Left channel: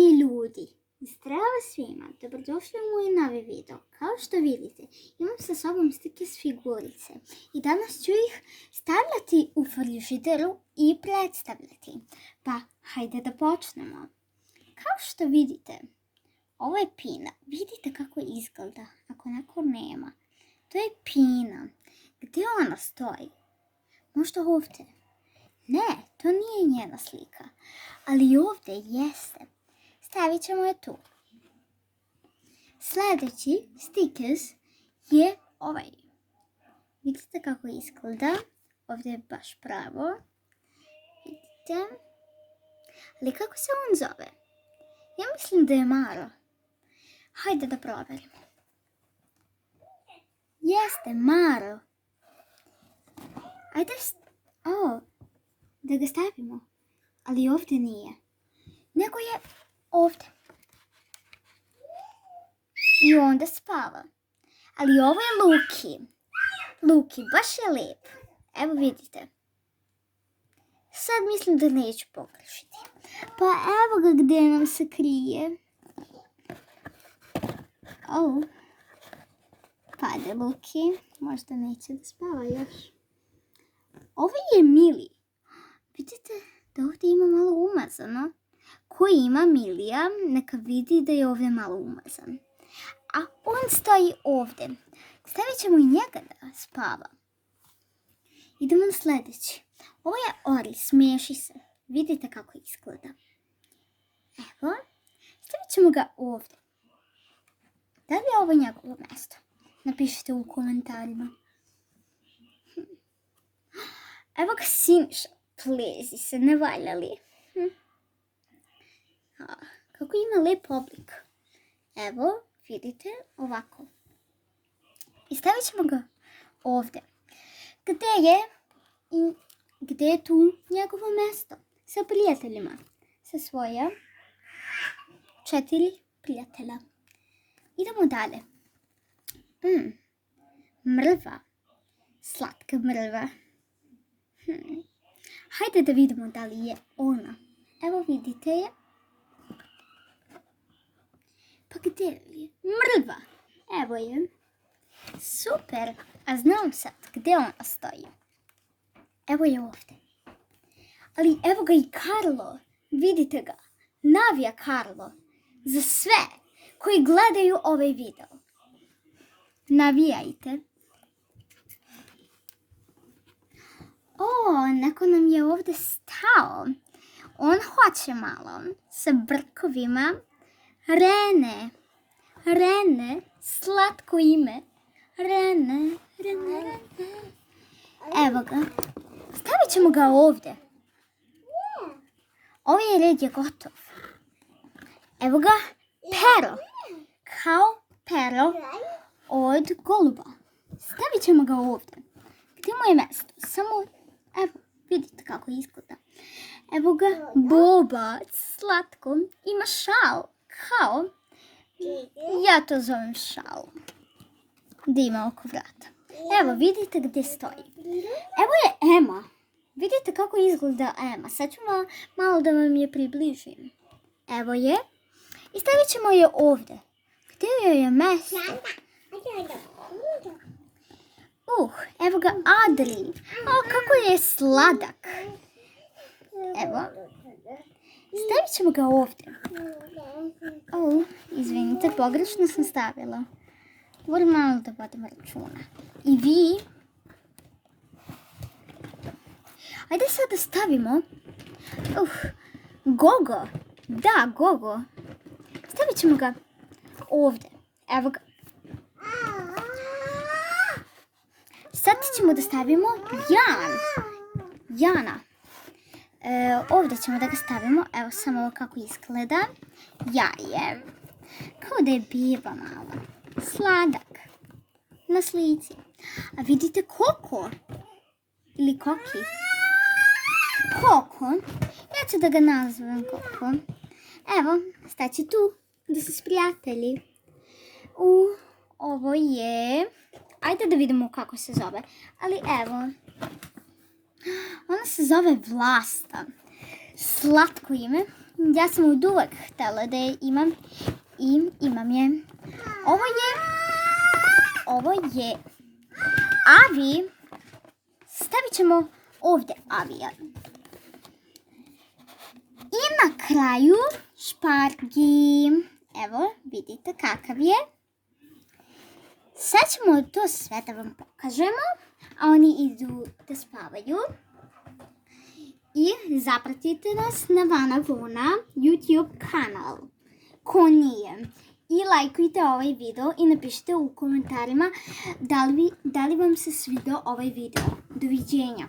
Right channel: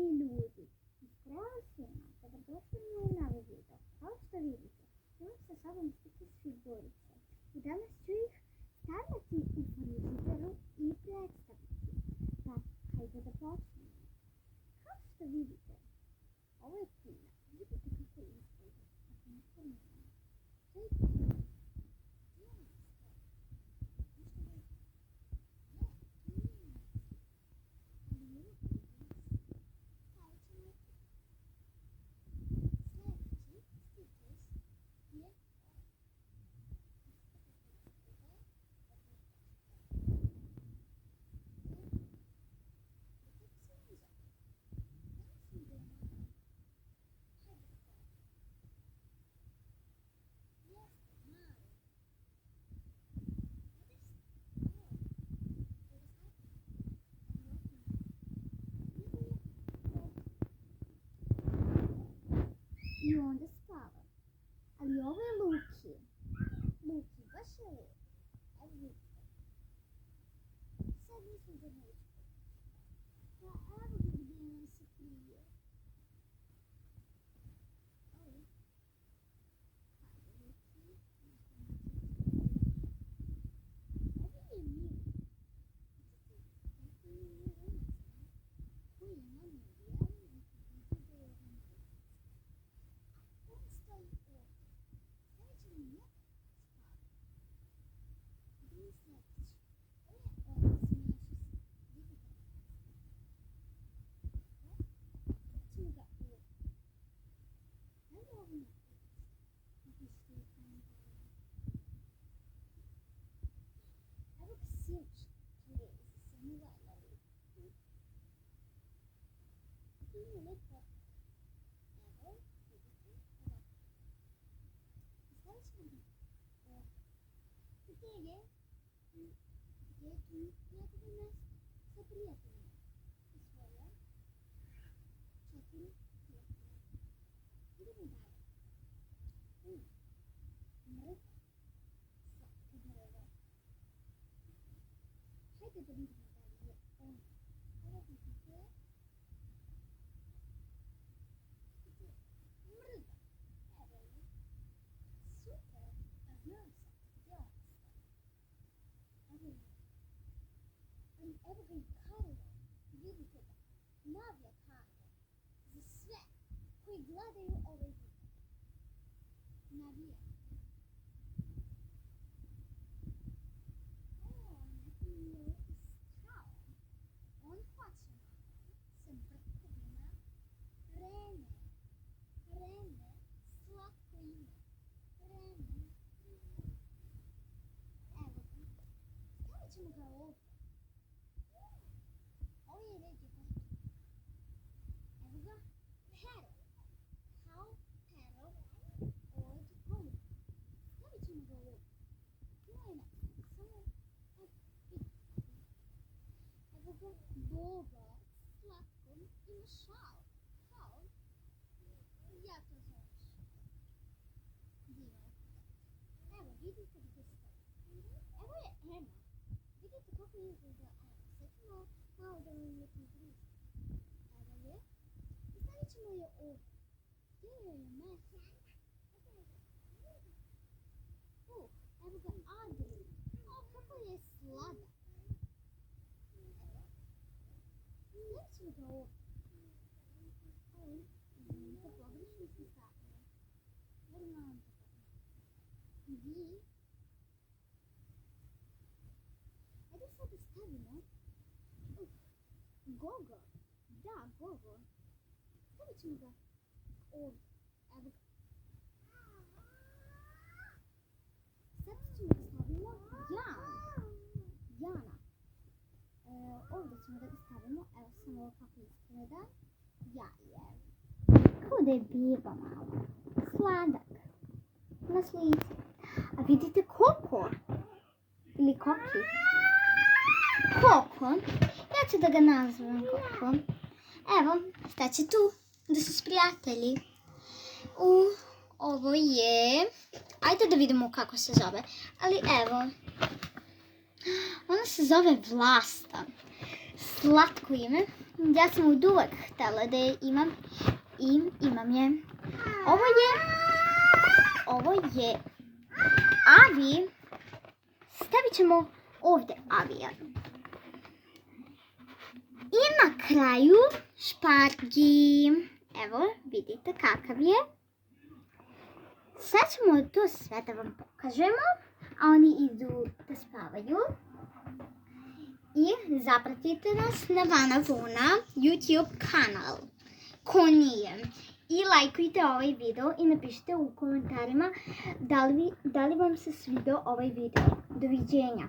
i ljudi. Zdravo svima, dobrodošli u moj novi video. Kao što vidite, imam sa sobom stickers figurice i danas ću ih stavljati u frižideru i predstavljati. Pa, hajde da počnemo. Kao što vidite, ovo je Pina. Vidite kako izgleda, ako neko nema. To je Pina. Gdje ona stoji? Možda ovdje? Ne, to nije njena slika. Ali ovdje jeste. Stavit ćemo je tu. Sljedeći stickers je ovaj. Vidite kako izgleda. Ovdje je baš pravo. Vidite. Ali kako se on zove? Ja mislim da je Maro. Hajde da provjerimo. Jeste, Maro. Ajde, da ga stavimo. Ali ovdje nije. Nego je ovdje. I onda spava. Ali ovo je Luki. Luki, baš je lijep. Evo vidite. Sad mislim da neću pogrešiti. Pa evo ga gdje nam se krije. Pade Luki. Možda neće da spava još. Ovo je Mili. Vidite da ovdje ima malo umazano. Ko ima Milija, neka vidi da je ovdje malo umazan. A on stoji ovdje. Stavit ćemo i njega da spava. Idemo na sljedeći. Ovo je Ori, smiješi se. Vidite kako izgleda. Evo, stavit ćemo ga ovdje. Da li je ovo njegovo mjesto? Napišite u komentarima. Evo ga Siniša. Plezi se, ne valja li? Kako ima lijep oblik. Evo, vidite, ovako. I stavit ćemo ga ovdje. Gdje je tu njegovo mjesto? Sa prijateljima. Sa svoja 4 prijatelja. Idemo dalje. Mrva. Slatka mrva. Hajde da vidimo da li je ona. Evo vidite je. Pa gdje je? Mrva. Evo je. Super. A znam sad gdje ona stoji. Evo je ovdje. Ali evo ga i Karlo. Vidite ga. Navija Karlo. Za sve koji gledaju ovaj video. Navijajte. Neko nam je ovdje stao. On hoće malo. Sa brkovima. Rene. Slatko ime. Rene. Evo ga. Stavit ćemo ga ovdje. Ovaj red je gotov. Evo ga. Pero. Kao pero od goluba. Stavit ćemo ga ovdje. Gdje mu je mjesto? Samo, evo, vidite kako izgleda. Evo ga, Bobac, slatko, ima šal, kao, ja to zovem šal, gdje ima oko vrata. Evo, vidite gdje stoji. Evo je Ema. Vidite kako izgleda Ema. Sad ću malo da vam je približim. Evo je. I stavit ćemo je ovdje. Gdje joj je mjesto? Evo ga Adri. Kako je sladak. Evo. Stavit ćemo ga ovdje. Izvinite, pogrešno sam stavila. Moram malo da vodim računa. I vi. Ajde sad da stavimo. Gogo. Da, Gogo. Stavit ćemo ga ovdje. Evo ga. Sad ćemo da stavimo Jana. Ovdje ćemo da ga stavimo. Evo samo ovo kako izgleda. Jaje. Kao da je biba malo. Sladak. Na slici. A vidite Koko. Ili Koki. Koko. Ja ću da ga nazovem Koko. Evo, staće tu da su prijatelji. Ovo je... Ajde da vidimo kako se zove. Ali evo. Ona se zove Vlasta. Slatko ime. Ja sam od uvek htjela da je imam i imam je. Ovo je Avi. Stavit ćemo ovdje Avija. I na kraju špargi. Evo, vidite kakav je. Sad ćemo to sve da vam pokažemo. A oni idu da spavaju. I zapratite nas na Vana Vona YouTube kanal. Ko nije. I lajkujte ovaj video i napišite u komentarima da li vam se svidio ovaj video. Doviđenja.